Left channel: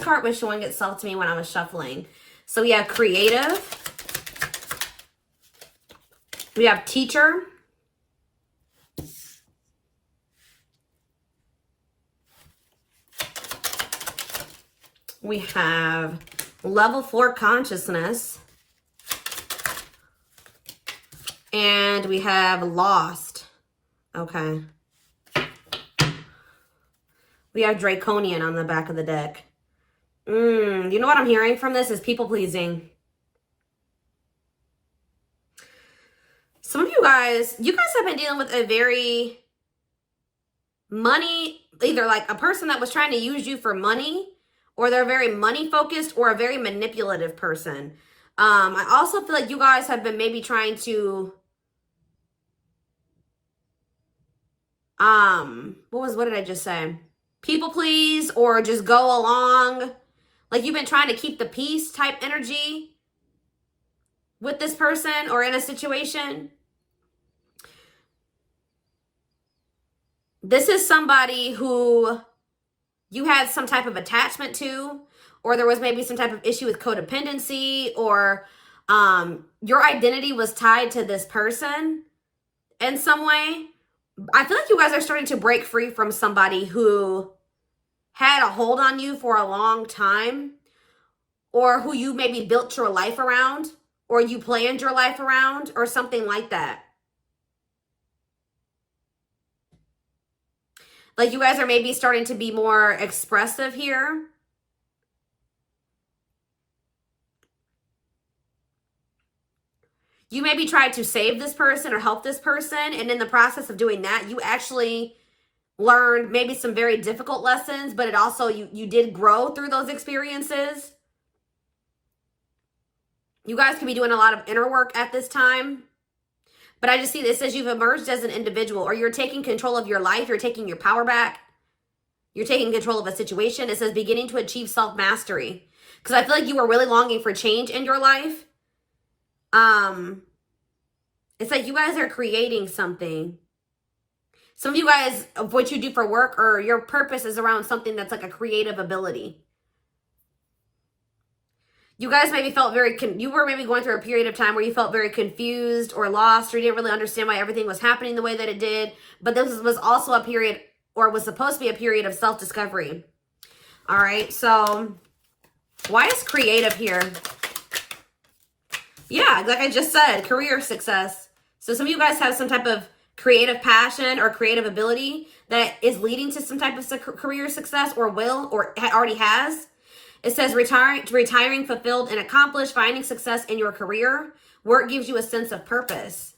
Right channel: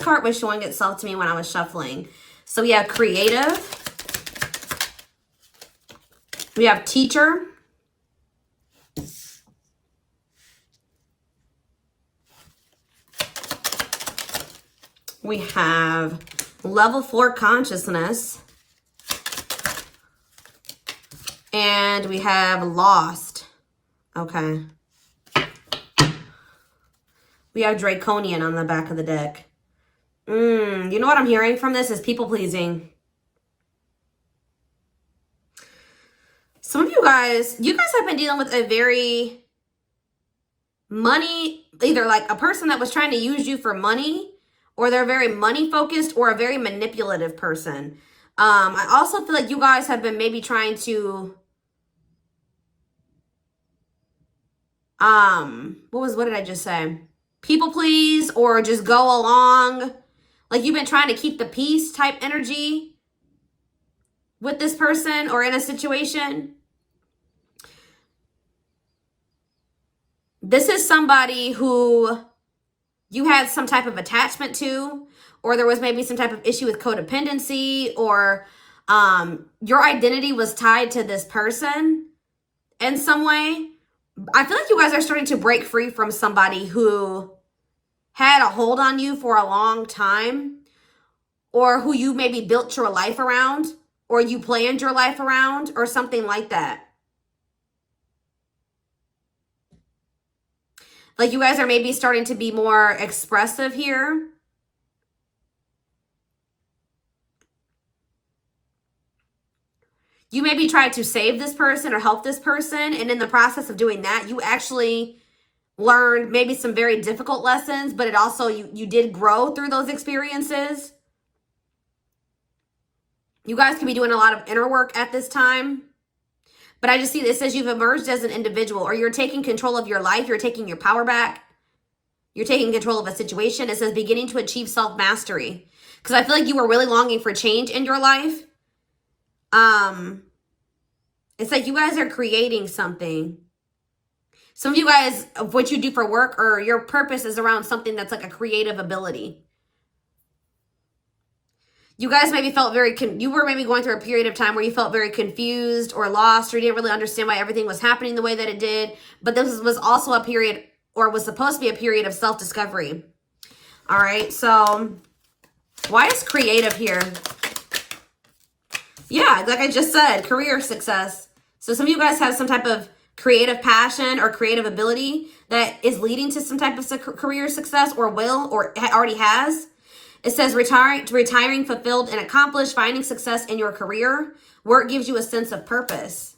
card was showing itself to me when I was shuffling. So we have creative. We have teacher. We have level 4 consciousness. And we have lost. Okay. We have draconian on the back of the deck. You know what I'm hearing from this is people pleasing. Some of you guys have been dealing with a very money, either like a person that was trying to use you for money, or they're very money focused, or a very manipulative person. I also feel like you guys have been maybe trying to, what did I just say? People please, or just go along. Like you've been trying to keep the peace type energy with this person or in a situation. This is somebody who you had some type of attachment to, or there was maybe some type of issue with codependency, or your identity was tied to this person in some way. I feel like you guys are starting to break free from somebody who had a hold on you for a long time, or who you maybe built your life around, or you planned your life around, or something like that. Like you guys are maybe starting to be more expressive here. You maybe tried to save this person or help this person, and in the process of doing that, you actually learned maybe some very difficult lessons, but it also, you did grow through those experiences. You guys could be doing a lot of inner work at this time. But I just see this as you've emerged as an individual, or you're taking control of your life. You're taking your power back. You're taking control of a situation. It says beginning to achieve self-mastery. Because I feel like you were really longing for change in your life. It's like you guys are creating something. Some of you guys, of what you do for work or your purpose is around something that's like a creative ability. You guys maybe felt you were maybe going through a period of time where you felt very confused or lost, or you didn't really understand why everything was happening the way that it did. But this was also a period, or was supposed to be a period of self-discovery. All right, so why is creative here? Yeah, like I just said, career success. So some of you guys have some type of creative passion or creative ability that is leading to some type of career success, or will, or already has. It says retiring, fulfilled, and accomplished, finding success in your career. Work gives you a sense of purpose.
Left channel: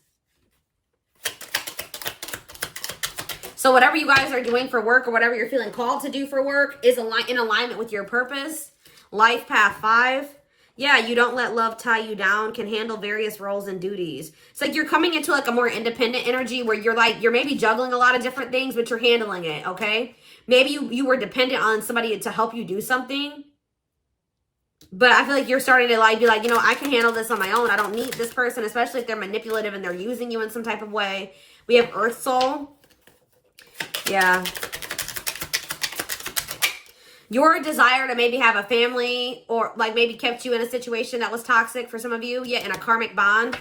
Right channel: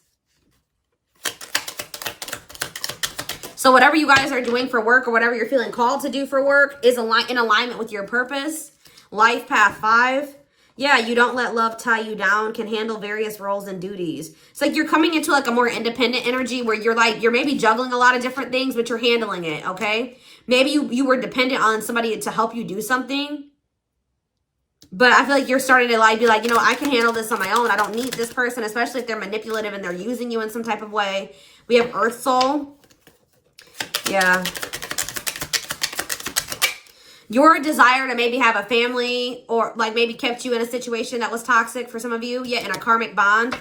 So whatever you guys are doing for work, or whatever you're feeling called to do for work, is in alignment with your purpose. Life path 5. Yeah, you don't let love tie you down, can handle various roles and duties. It's like you're coming into like a more independent energy where you're maybe juggling a lot of different things, but you're handling it, okay? Maybe you were dependent on somebody to help you do something. But I feel like you're starting to be like, you know, I can handle this on my own. I don't need this person, especially if they're manipulative and they're using you in some type of way. We have Earth Soul. Yeah. Your desire to maybe have a family, or like maybe kept you in a situation that was toxic for some of you. Yeah, in a karmic bond.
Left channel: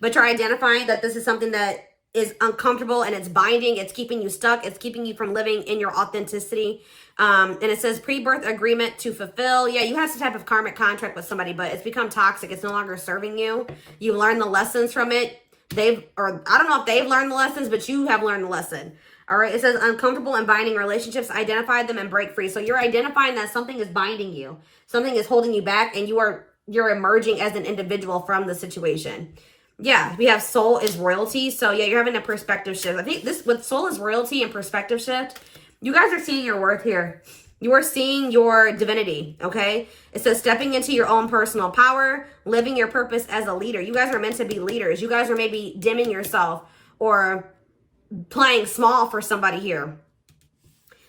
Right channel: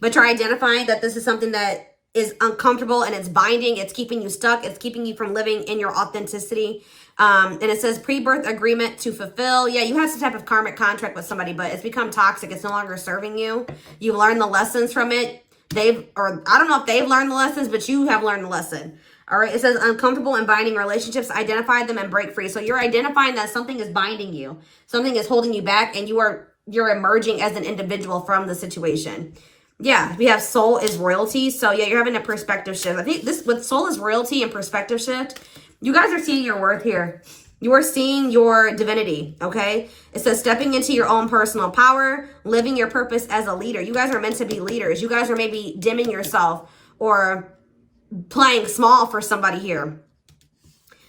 But you're identifying that this is something that is uncomfortable and it's binding. It's keeping you stuck. It's keeping you from living in your authenticity. And it says pre-birth agreement to fulfill. Yeah, you have some type of karmic contract with somebody, but it's become toxic. It's no longer serving you. You learned the lessons from it. I don't know if they've learned the lessons, but you have learned the lesson. All right, it says uncomfortable and binding relationships, identify them and break free. So you're identifying that something is binding you. Something is holding you back, and you're emerging as an individual from the situation. Yeah, we have soul is royalty. So yeah, you're having a perspective shift. I think this, with soul is royalty and perspective shift, you guys are seeing your worth here. You are seeing your divinity, okay? It says stepping into your own personal power, living your purpose as a leader. You guys are meant to be leaders. You guys are maybe dimming yourself or playing small for somebody here.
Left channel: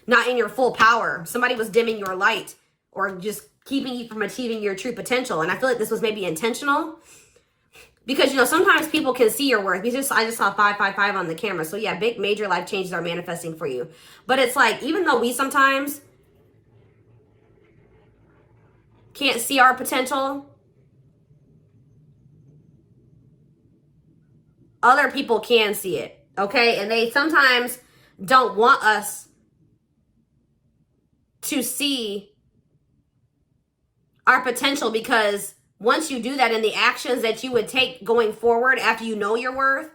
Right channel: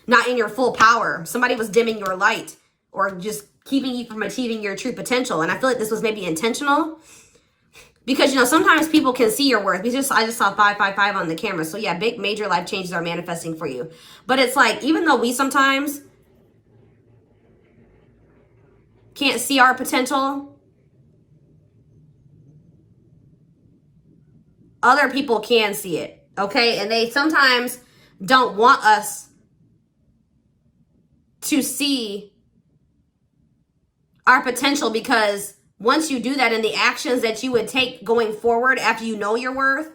Not in your full power. Somebody was dimming your light or just keeping you from achieving your true potential. And I feel like this was maybe intentional. Because, you know, sometimes people can see your worth. I just saw 555 on the camera. So, yeah, big, major life changes are manifesting for you. But it's like, even though we sometimes can't see our potential. Other people can see it, okay? And they sometimes don't want us to see our potential, because once you do that, and the actions that you would take going forward after you know your worth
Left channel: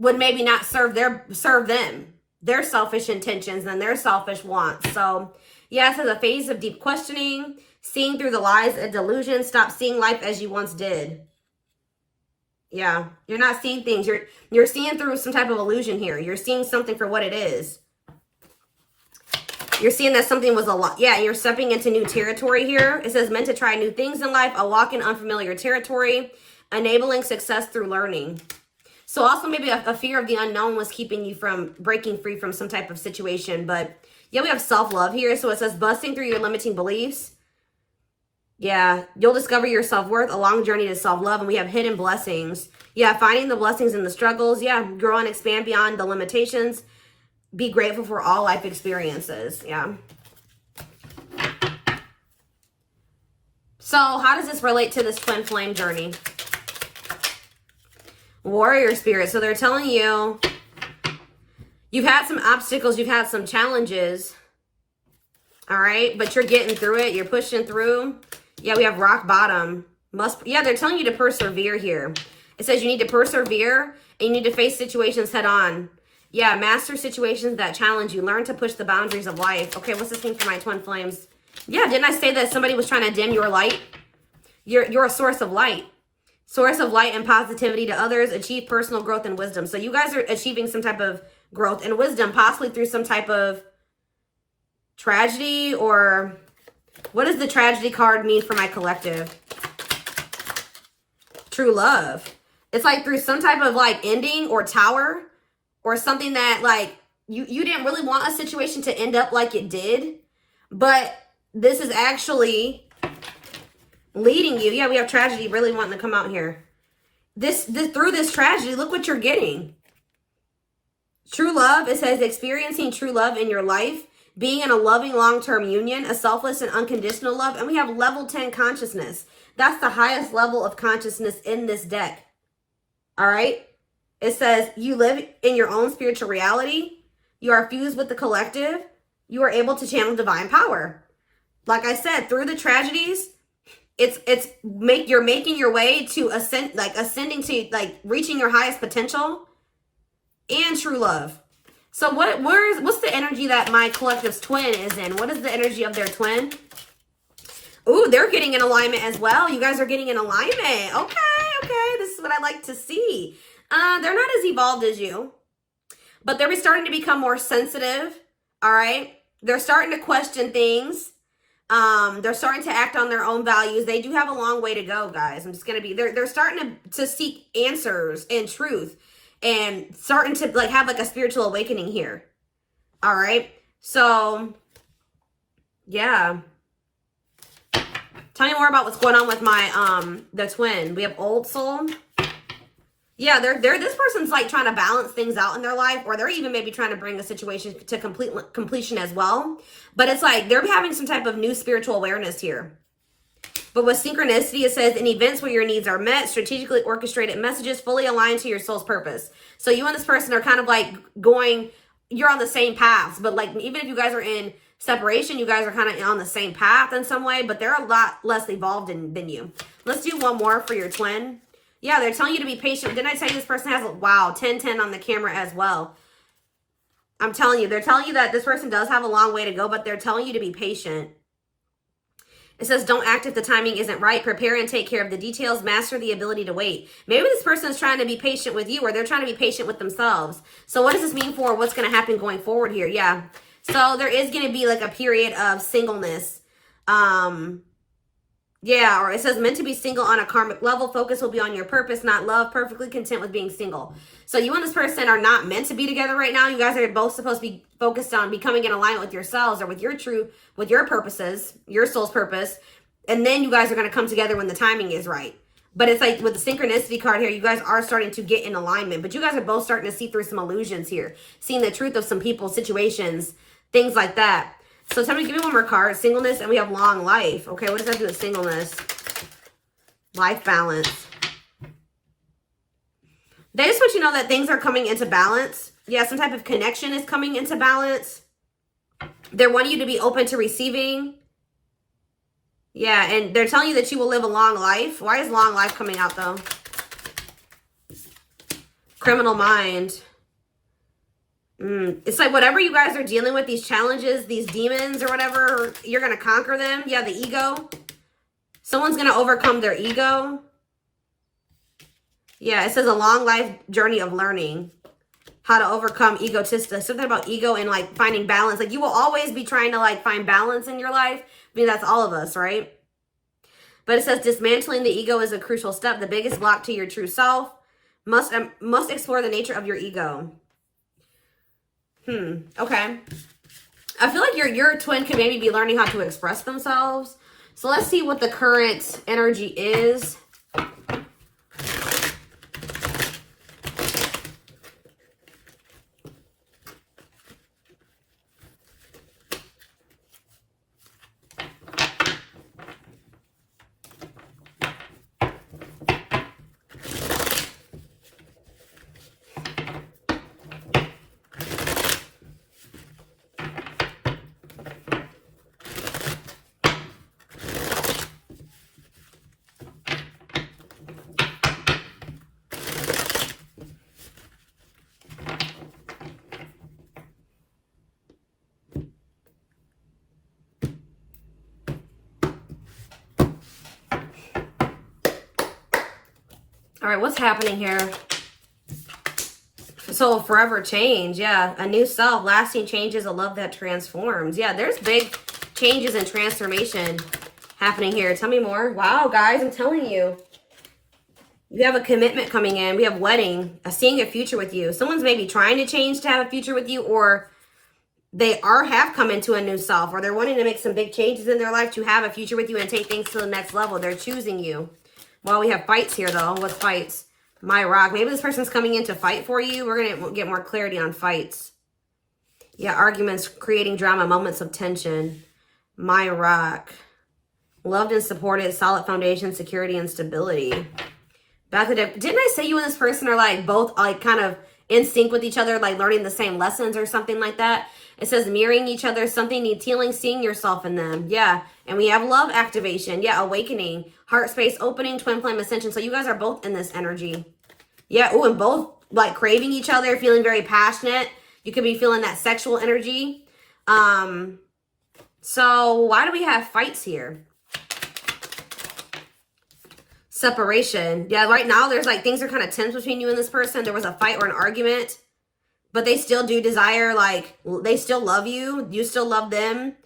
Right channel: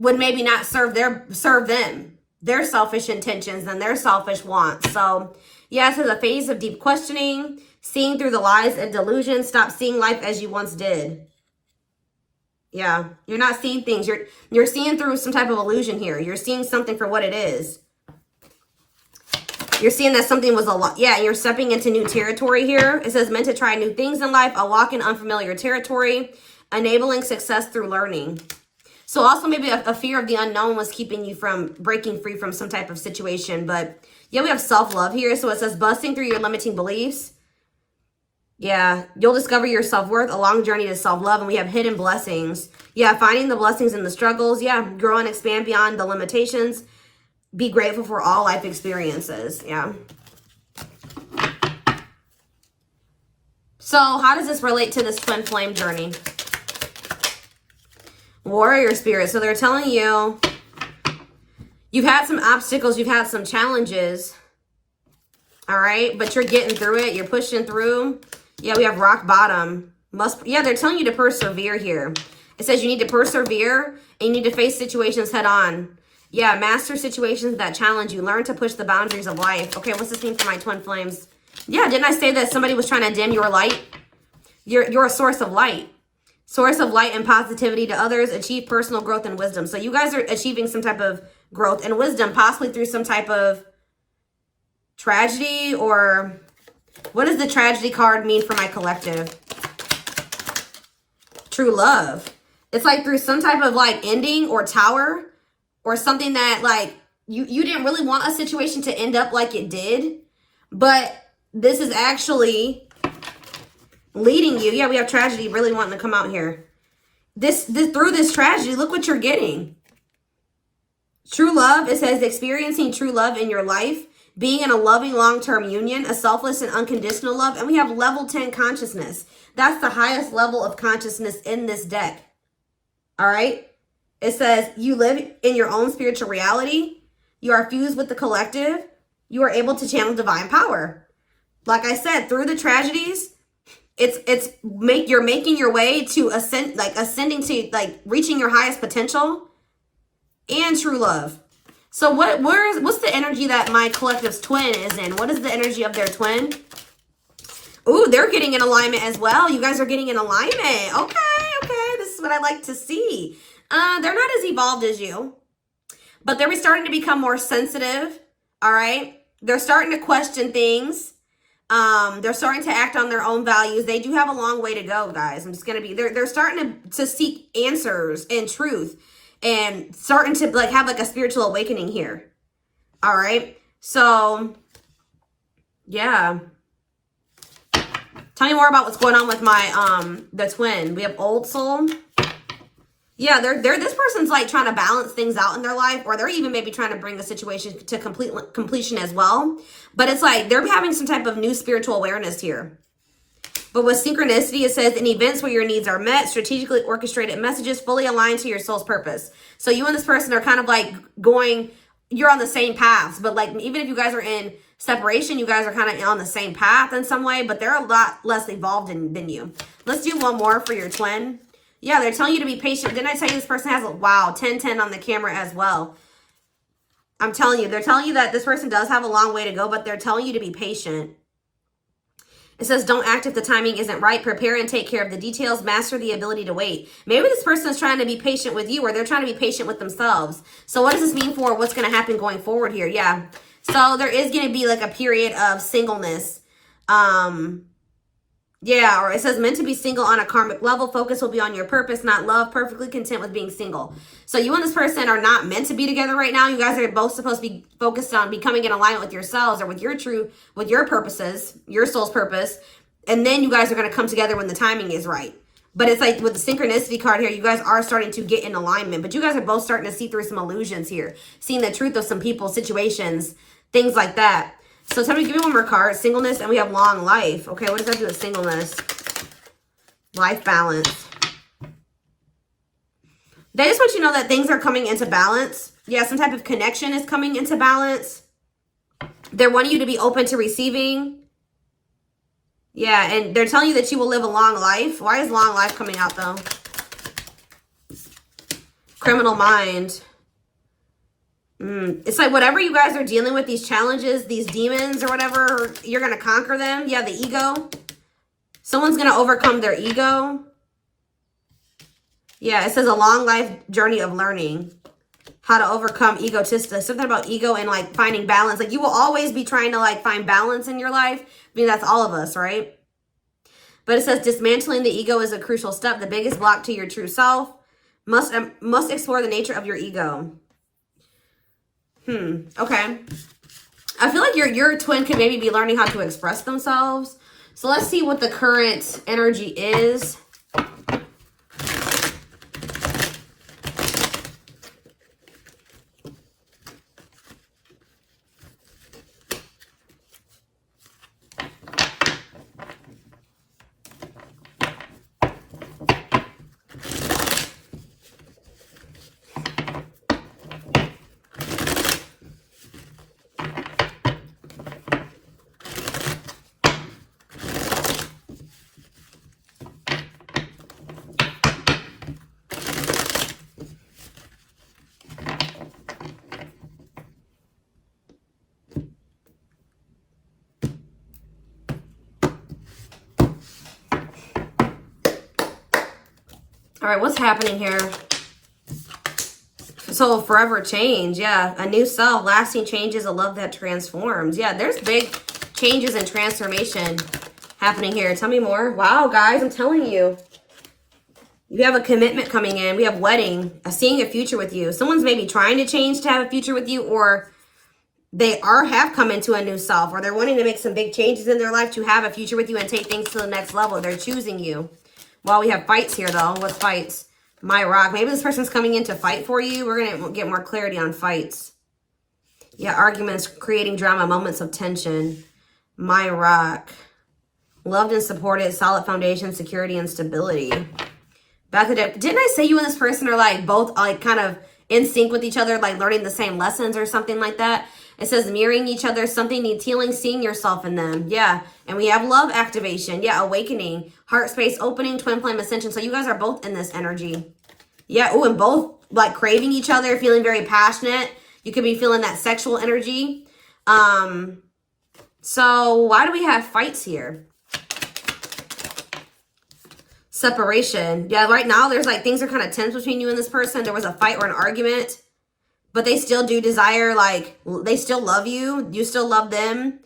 would maybe not serve them, their selfish intentions and their selfish wants. So yeah, this is a phase of deep questioning, seeing through the lies and delusions. Stop seeing life as you once did. Yeah, you're not seeing things. You're seeing through some type of illusion here. You're seeing something for what it is. You're seeing that something was a lot. Yeah, you're stepping into new territory here. It says meant to try new things in life, a walk in unfamiliar territory, enabling success through learning. So also maybe a fear of the unknown was keeping you from breaking free from some type of situation. But yeah, we have self-love here. So it says busting through your limiting beliefs. Yeah, you'll discover your self-worth, a long journey to self-love. And we have hidden blessings. Yeah, finding the blessings in the struggles. Yeah, grow and expand beyond the limitations. Be grateful for all life experiences. Yeah. So how does this relate to this twin flame journey? Warrior spirit. So they're telling you you've had some obstacles, you've had some challenges. All right, but you're getting through it. You're pushing through. Yeah, we have rock bottom. Yeah, they're telling you to persevere here. It says you need to persevere and you need to face situations head on. Yeah, master situations that challenge you. Learn to push the boundaries of life. Okay, what's this thing for my twin flames? Yeah, didn't I say that somebody was trying to dim your light? You're a source of light. Source of light and positivity to others. Achieve personal growth and wisdom. So you guys are achieving some type of growth and wisdom, possibly through some type of tragedy. Or what does the tragedy card mean for my collective? True love. It's like through some type of like ending or tower, or something that like you didn't really want a situation to end up like it did, but this is actually leading you. Yeah, we have tragedy really wanting to come out here. This through this tragedy, look what you're getting. True love. It says experiencing true love in your life, being in a loving long-term union, a selfless and unconditional love. And we have level 10 consciousness. That's the highest level of consciousness in this deck. All right. It says you live in your own spiritual reality. You are fused with the collective. You are able to channel divine power. Like I said, through the tragedies, you're making your way to ascending to like reaching your highest potential and true love. So what's the energy that my collective's twin is in? What is the energy of their twin? Ooh, they're getting in alignment as well. You guys are getting in alignment. Okay. This is what I like to see. They're not as evolved as you, but they're starting to become more sensitive. All right. They're starting to question things. They're starting to act on their own values. They do have a long way to go, guys. They're starting to seek answers and truth, and starting to like have like a spiritual awakening here. All right. So yeah. Tell me more about what's going on with my, the twin. We have old soul. Yeah, this person's like trying to balance things out in their life, or they're even maybe trying to bring a situation to completion as well. But it's like they're having some type of new spiritual awareness here. But with synchronicity, it says in events where your needs are met, strategically orchestrated messages fully aligned to your soul's purpose. So you and this person are kind of like you're on the same paths, but like even if you guys are in separation, you guys are kind of on the same path in some way, but they're a lot less evolved than you. Let's do one more for your twin. Yeah, they're telling you to be patient. Didn't I tell you this person has, wow, 10-10 on the camera as well. I'm telling you, they're telling you that this person does have a long way to go, but they're telling you to be patient. It says, don't act if the timing isn't right. Prepare and take care of the details. Master the ability to wait. Maybe this person is trying to be patient with you, or they're trying to be patient with themselves. So what does this mean for what's going to happen going forward here? Yeah. So there is going to be like a period of singleness. Yeah, or it says meant to be single on a karmic level. Focus will be on your purpose, not love. Perfectly content with being single. So you and this person are not meant to be together right now. You guys are both supposed to be focused on becoming in alignment with yourselves, or with your purposes, your soul's purpose. And then you guys are going to come together when the timing is right. But it's like with the synchronicity card here, you guys are starting to get in alignment. But you guys are both starting to see through some illusions here. Seeing the truth of some people, situations, things like that. So tell me, give me one more card. Singleness, and we have long life. Okay, what does that do with singleness? Life balance. They just want you to know that things are coming into balance. Yeah, some type of connection is coming into balance. They're wanting you to be open to receiving. Yeah, and they're telling you that you will live a long life. Why is long life coming out, though? Criminal mind. It's like whatever you guys are dealing with, these challenges, these demons or whatever, you're going to conquer them. Yeah, the ego. Someone's going to overcome their ego. Yeah, it says a long life journey of learning how to overcome egotistic. Something about ego and like finding balance. Like you will always be trying to like find balance in your life. I mean, that's all of us, right? But it says dismantling the ego is a crucial step. The biggest block to your true self. Must explore the nature of your ego. Okay. I feel like your twin could maybe be learning how to express themselves. So let's see what the current energy is. All right, what's happening here? So forever change, yeah. A new self, lasting changes, a love that transforms. Yeah, there's big changes and transformation happening here. Tell me more. Wow, guys, I'm telling you. You have a commitment coming in. We have wedding, seeing a future with you. Someone's maybe trying to change to have a future with you, or they have come into a new self, or they're wanting to make some big changes in their life to have a future with you and take things to the next level. They're choosing you. Well, we have fights here, though. What's fights? My rock. Maybe this person's coming in to fight for you. We're going to get more clarity on fights. Yeah, arguments, creating drama, moments of tension. My rock. Loved and supported, solid foundation, security, and stability. Didn't I say you and this person are like both like kind of in sync with each other, like learning the same lessons or something like that? It says mirroring each other, something needs healing, seeing yourself in them. Yeah. And we have love activation. Yeah. Awakening, heart space opening, twin flame ascension. So you guys are both in this energy. Yeah. Oh, and both like craving each other, feeling very passionate. You could be feeling that sexual energy. So why do we have fights here? Separation. Yeah, right now there's like things are kind of tense between you and this person. There was a fight or an argument, but they still do desire, like they still love you. You still love them.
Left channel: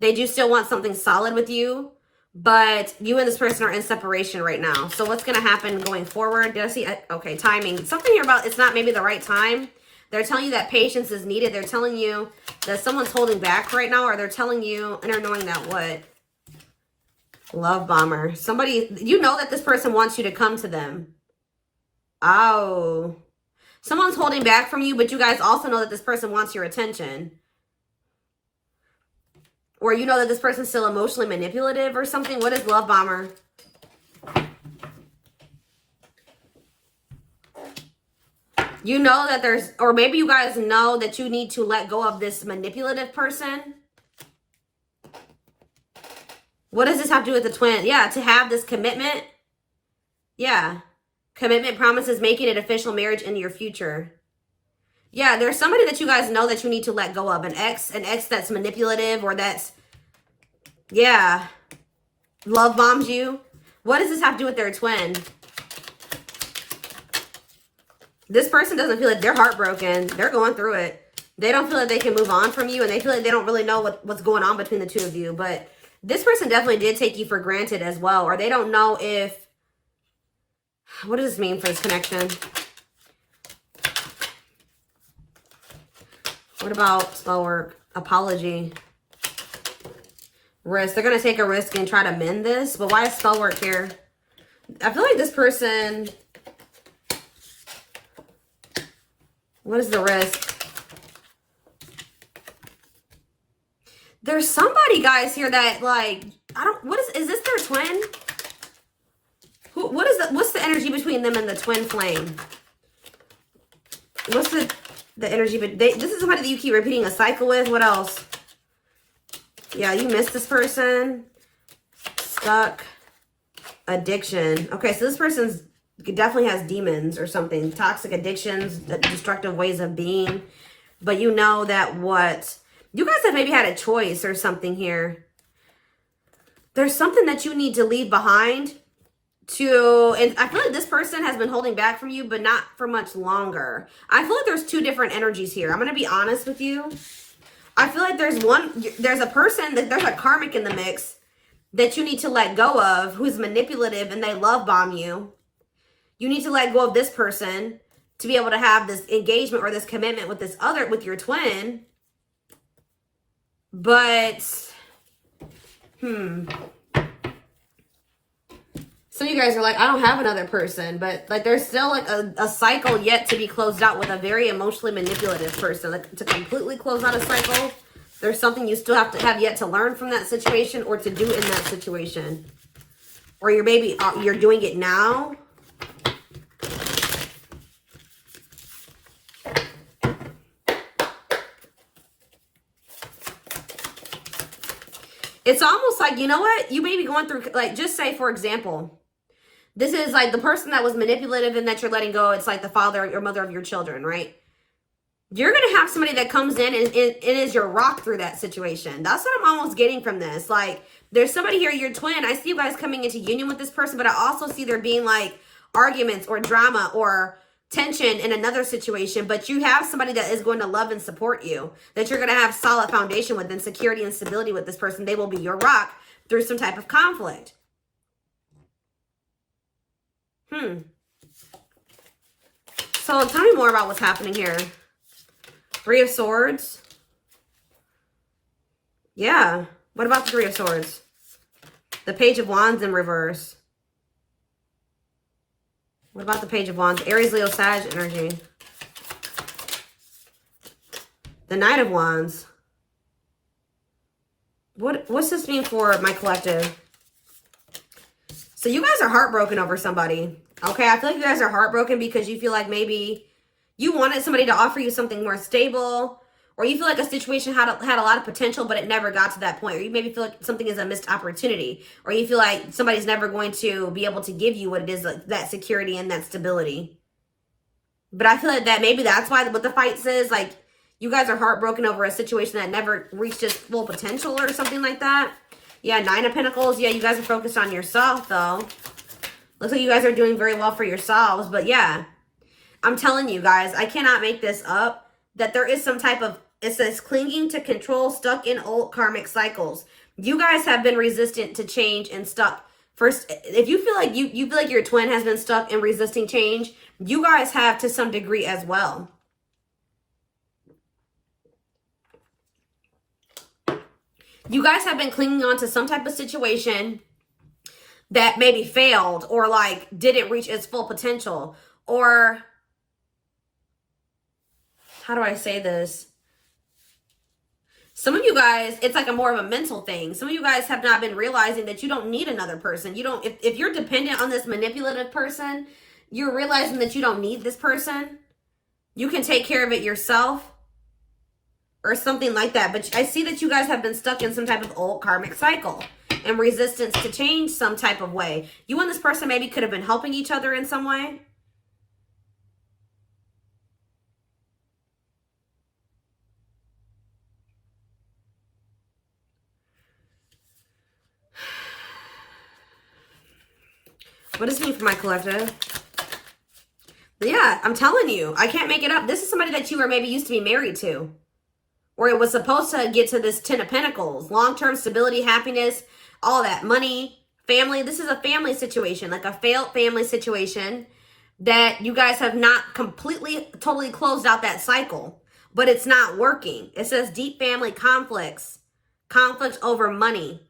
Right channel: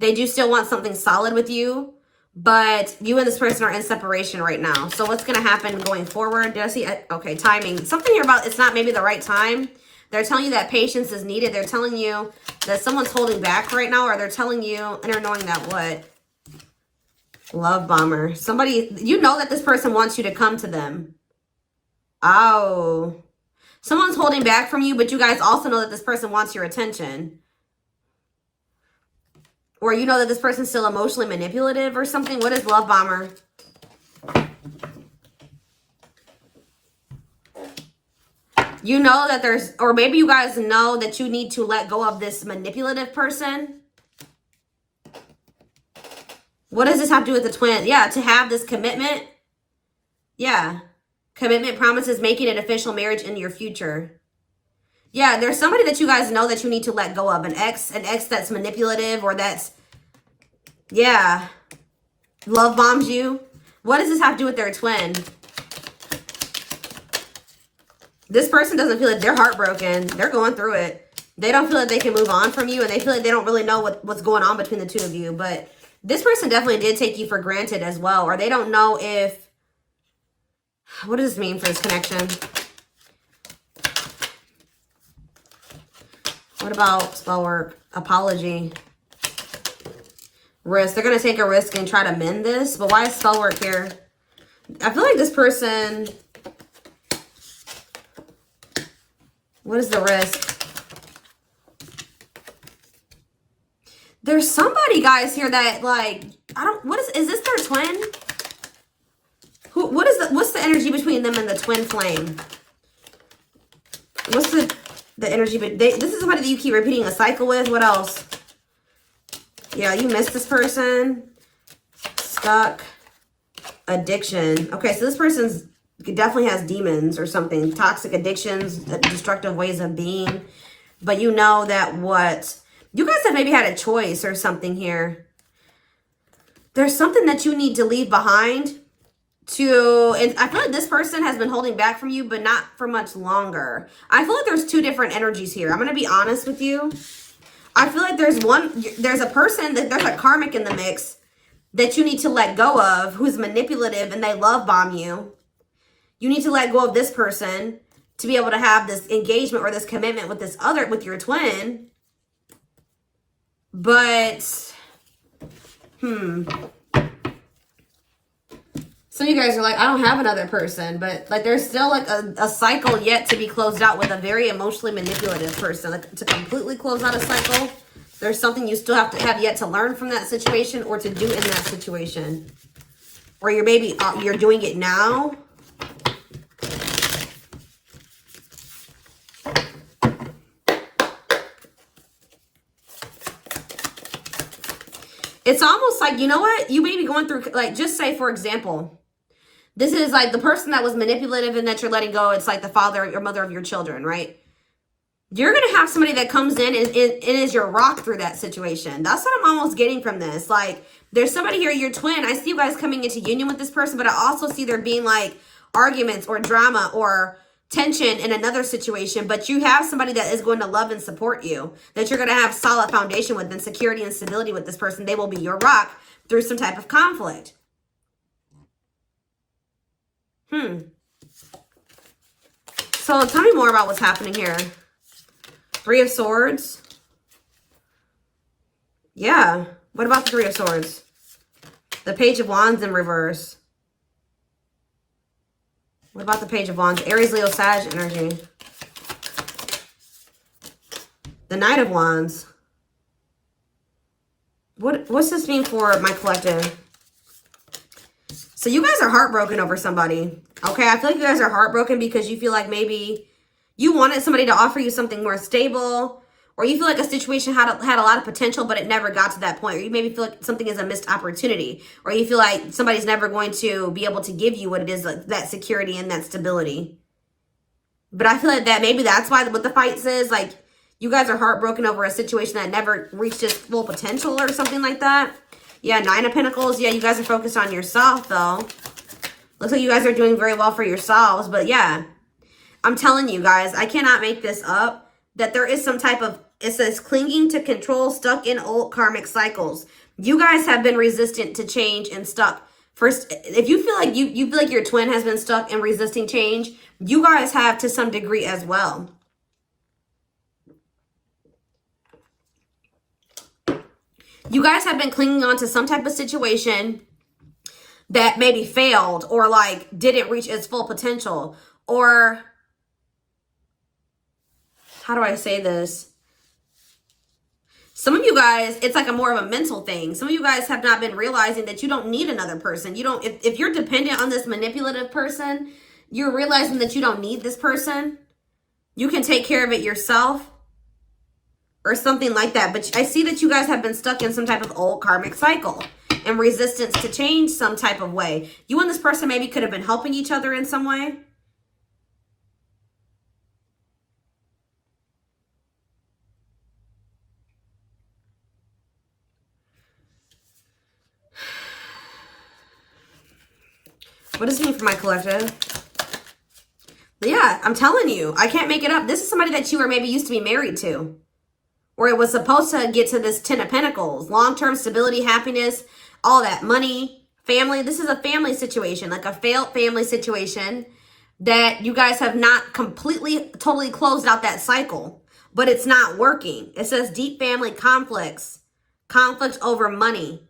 They do still want something solid with you, but you and this person are in separation right now. So what's going to happen going forward? Did I see? Okay, timing. Something here about it's not maybe the right time. They're telling you that patience is needed. They're telling you that someone's holding back right now, or they're telling you, and they're knowing that what? Love bomber. Somebody, you know that this person wants you to come to them. Oh. Someone's holding back from you, but you guys also know that this person wants your attention. Or you know that this person's still emotionally manipulative or something. What is love bomber? You know that there's, or maybe you guys know that you need to let go of this manipulative person. What does this have to do with the twin? Yeah, to have this commitment. Yeah. Commitment promises making it official marriage in your future. Yeah, there's somebody that you guys know that you need to let go of. An ex that's manipulative or that's, yeah, love bombs you. What does this have to do with their twin? This person doesn't feel like they're heartbroken. They're going through it. They don't feel like they can move on from you, and they feel like they don't really know what's going on between the two of you. But this person definitely did take you for granted as well, or they don't know if, what does this mean for this connection? What about spell work? Apology. Risk. They're going to take a risk and try to mend this, but why is spell work here? I feel like this person, what is the risk? There's somebody, guys, here that, like, I don't, what is this their twin? What's the energy between them and the twin flame? What's the energy, but this is somebody that you keep repeating a cycle with. What else? Yeah, you missed this person. Stuck. Addiction. Okay, so this person's definitely has demons or something. Toxic addictions, destructive ways of being. But you know that what... You guys have maybe had a choice or something here. There's something that you need to leave behind to... And I feel like this person has been holding back from you, but not for much longer. I feel like there's two different energies here. I'm going to be honest with you. I feel like there's a person, there's a karmic in the mix that you need to let go of who's manipulative and they love bomb you. You need to let go of this person to be able to have this engagement or this commitment with with your twin. But, some of you guys are like, I don't have another person, but like there's still like a cycle yet to be closed out with a very emotionally manipulative person. Like to completely close out a cycle, there's something you still have to have yet to learn from that situation or to do in that situation. Or you're doing it now. It's almost like, you know what? You may be going through, like, just say, for example, this is like the person that was manipulative and that you're letting go. It's like the father or mother of your children, right? You're going to have somebody that comes in and it is your rock through that situation. That's what I'm almost getting from this. Like, there's somebody here, your twin. I see you guys coming into union with this person, but I also see there being like arguments or drama or tension in another situation, but you have somebody that is going to love and support you, that you're going to have solid foundation with, and security and stability with this person. They will be your rock through some type of conflict. So tell me more about what's happening here. Three of Swords. Yeah. What about the Three of Swords? The Page of Wands in reverse. What about the Page of Wands? Aries, Leo, Sag energy. The Knight of Wands. What's this mean for my collective? So you guys are heartbroken over somebody. Okay, I feel like you guys are heartbroken because you feel like maybe you wanted somebody to offer you something more stable, or you feel like a situation had a lot of potential, but it never got to that point. Or you maybe feel like something is a missed opportunity, or you feel like somebody's never going to be able to give you what it is, like that security and that stability. But I feel like that maybe that's why what the fight says, like you guys are heartbroken over a situation that never reached its full potential or something like that. Yeah, Nine of Pentacles. Yeah, you guys are focused on yourself though. Looks like you guys are doing very well for yourselves, but yeah. I'm telling you guys, I cannot make this up, that there is some type of, it says clinging to control, stuck in old karmic cycles. You guys have been resistant to change and stuck. First, if you feel like you feel like your twin has been stuck and resisting change, you guys have to some degree as well. You guys have been clinging on to some type of situation that maybe failed or like didn't reach its full potential, or how do I say this? Some of you guys, it's like a more of a mental thing. Some of you guys have not been realizing that you don't need another person. You don't, if you're dependent on this manipulative person, you're realizing that you don't need this person. You can take care of it yourself or something like that. But I see that you guys have been stuck in some type of old karmic cycle and resistance to change some type of way. You and this person maybe could have been helping each other in some way. What does it mean for my collective? Yeah, I'm telling you, I can't make it up. This is somebody that you were maybe used to be married to, or it was supposed to get to this 10 of Pentacles, long-term stability, happiness, all that money, family. This is a family situation, like a failed family situation that you guys have not completely, totally closed out that cycle, but it's not working. It says deep family conflicts, conflict over money,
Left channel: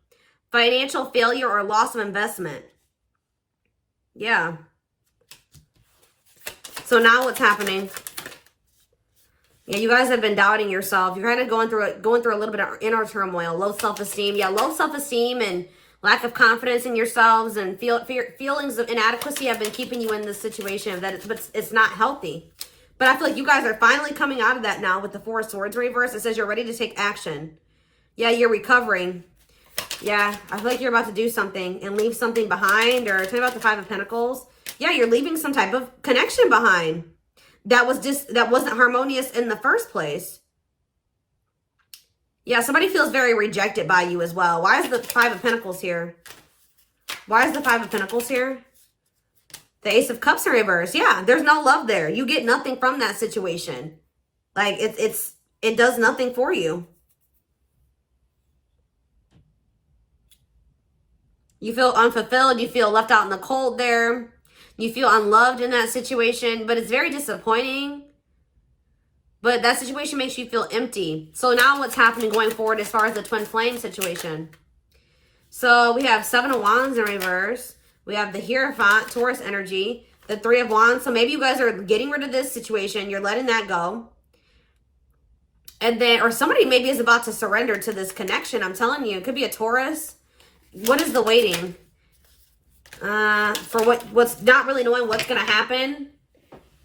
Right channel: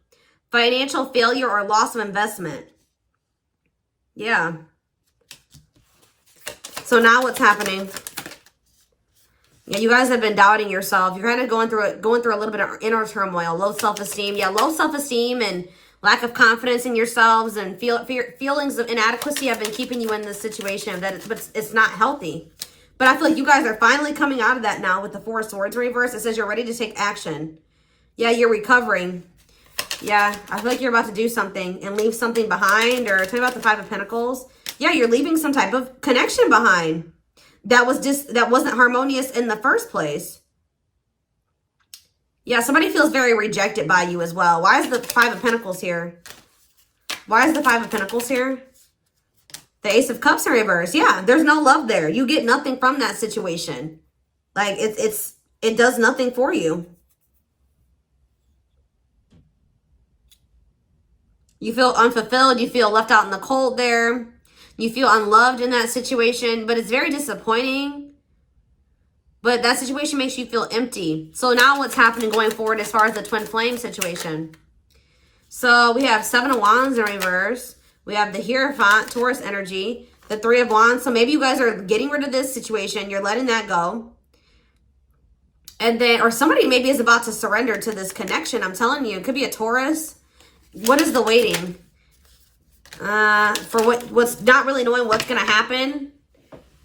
financial failure or loss of investment. Yeah. So now what's happening? Yeah, you guys have been doubting yourself. You're kind of going through a little bit of inner turmoil, low self-esteem. Yeah, low self-esteem and lack of confidence in yourselves and feelings of inadequacy have been keeping you in this situation that it's not healthy. But I feel like you guys are finally coming out of that now with the Four of Swords reverse. It says you're ready to take action. Yeah, you're recovering. Yeah, I feel like you're about to do something and leave something behind. Or tell me about the Five of Pentacles. Yeah, you're leaving some type of connection behind that wasn't harmonious in the first place. Yeah, somebody feels very rejected by you as well. Why is the Five of Pentacles here? Why is the Five of Pentacles here? The Ace of Cups in reverse. Yeah, there's no love there. You get nothing from that situation. Like, it does nothing for you. You feel unfulfilled. You feel left out in the cold there. You feel unloved in that situation, but it's very disappointing. But that situation makes you feel empty. So now what's happening going forward as far as the twin flame situation? So we have Seven of Wands in reverse. We have the Hierophant, Taurus energy, the Three of Wands. So maybe you guys are getting rid of this situation. You're letting that go. And then, or somebody maybe is about to surrender to this connection. I'm telling you, it could be a Taurus. What is the waiting? For what's not really knowing what's going to happen.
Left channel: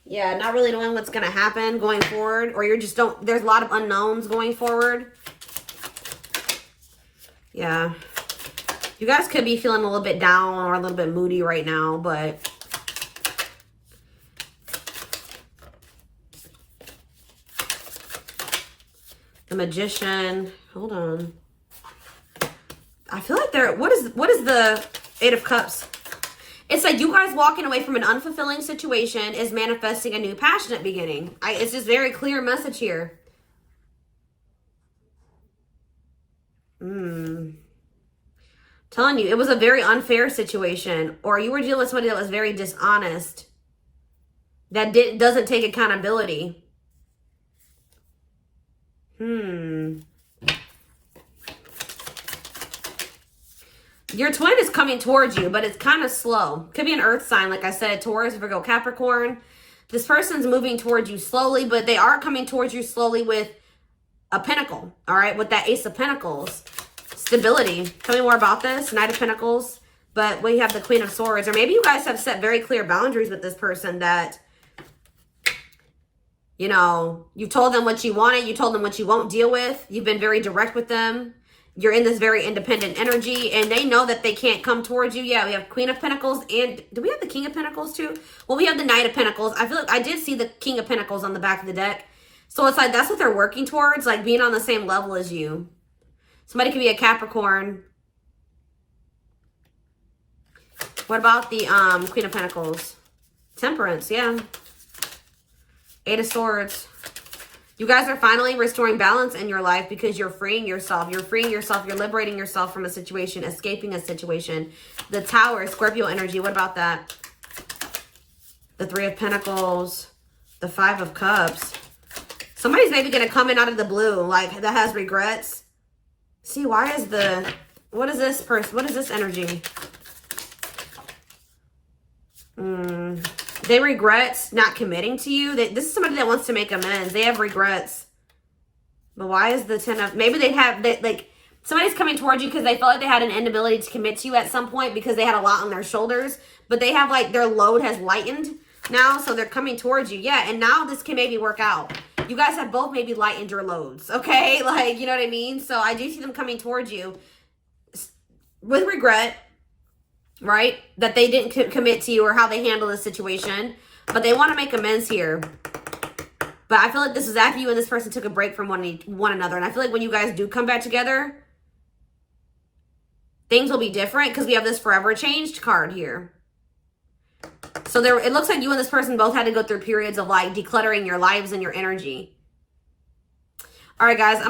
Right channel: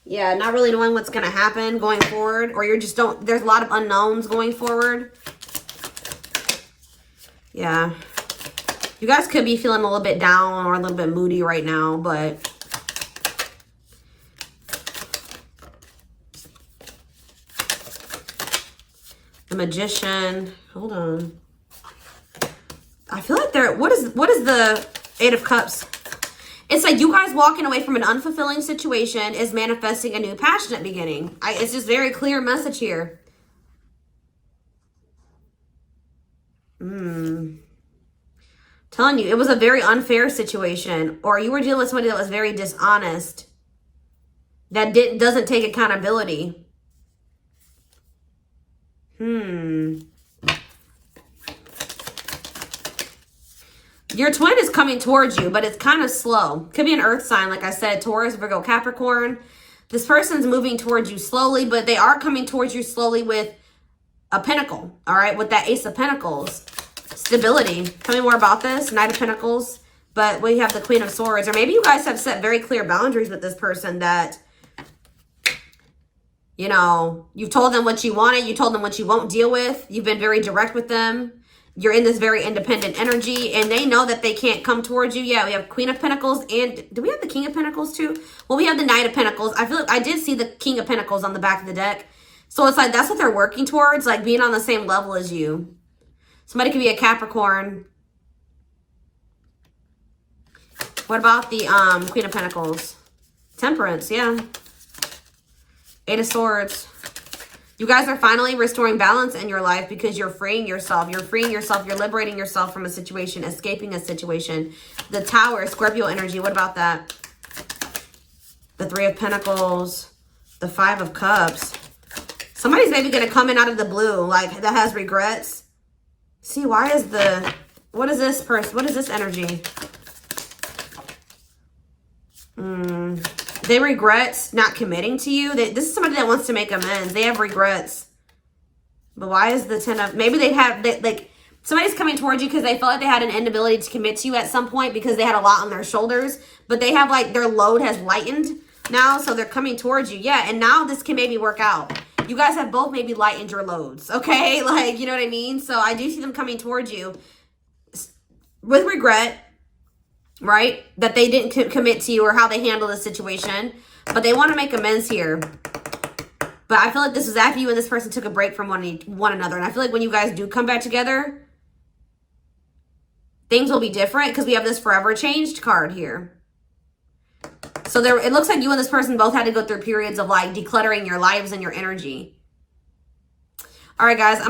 Yeah, not really knowing what's going to happen going forward. Or you're just there's a lot of unknowns going forward. Yeah. You guys could be feeling a little bit down or a little bit moody right now, but the Magician. Hold on. I feel like what is the Eight of Cups? It's like you guys walking away from an unfulfilling situation is manifesting a new passionate beginning. It's just very clear message here. Telling you, it was a very unfair situation, or you were dealing with somebody that was very dishonest, that doesn't take accountability. Your twin is coming towards you, but it's kind of slow. Could be an earth sign, like I said, Taurus, Virgo, Capricorn. This person's moving towards you slowly, but they are coming towards you slowly with a pentacle, all right? With that Ace of Pentacles. Stability. Tell me more about this. Knight of Pentacles. But we have the Queen of Swords. Or maybe you guys have set very clear boundaries with this person that, you know, you've told them what you wanted. You told them what you won't deal with. You've been very direct with them. You're in this very independent energy, and they know that they can't come towards you. Yeah, we have Queen of Pentacles, and do we have the King of Pentacles too? Well, we have the Knight of Pentacles. I feel like I did see the King of Pentacles on the back of the deck. So it's like that's what they're working towards, like being on the same level as you. Somebody could be a Capricorn. What about the Queen of Pentacles? Temperance, yeah. Eight of Swords. You guys are finally restoring balance in your life because you're freeing yourself. You're freeing yourself. You're liberating yourself from a situation, escaping a situation. The Tower, Scorpio energy. What about that? The Three of Pentacles. The Five of Cups. Somebody's maybe going to come in out of the blue, like that has regrets. See, what is this person? What is this energy? They regret not committing to you. This is somebody that wants to make amends. They have regrets. But why is the Ten of... Maybe like, somebody's coming towards you because they felt like they had an inability to commit to you at some point because they had a lot on their shoulders. But they have, like, their load has lightened now, so they're coming towards you. Yeah, and now this can maybe work out. You guys have both maybe lightened your loads, okay? Like, you know what I mean? So I do see them coming towards you with regret. Right? That they didn't commit to you or how they handle the situation. But they want to make amends here. But I feel like this is after you and this person took a break from one another. And I feel like when you guys do come back together, things will be different because we have this forever changed card here. So it looks like you and this person both had to go through periods of like decluttering your lives and your energy. All right, guys.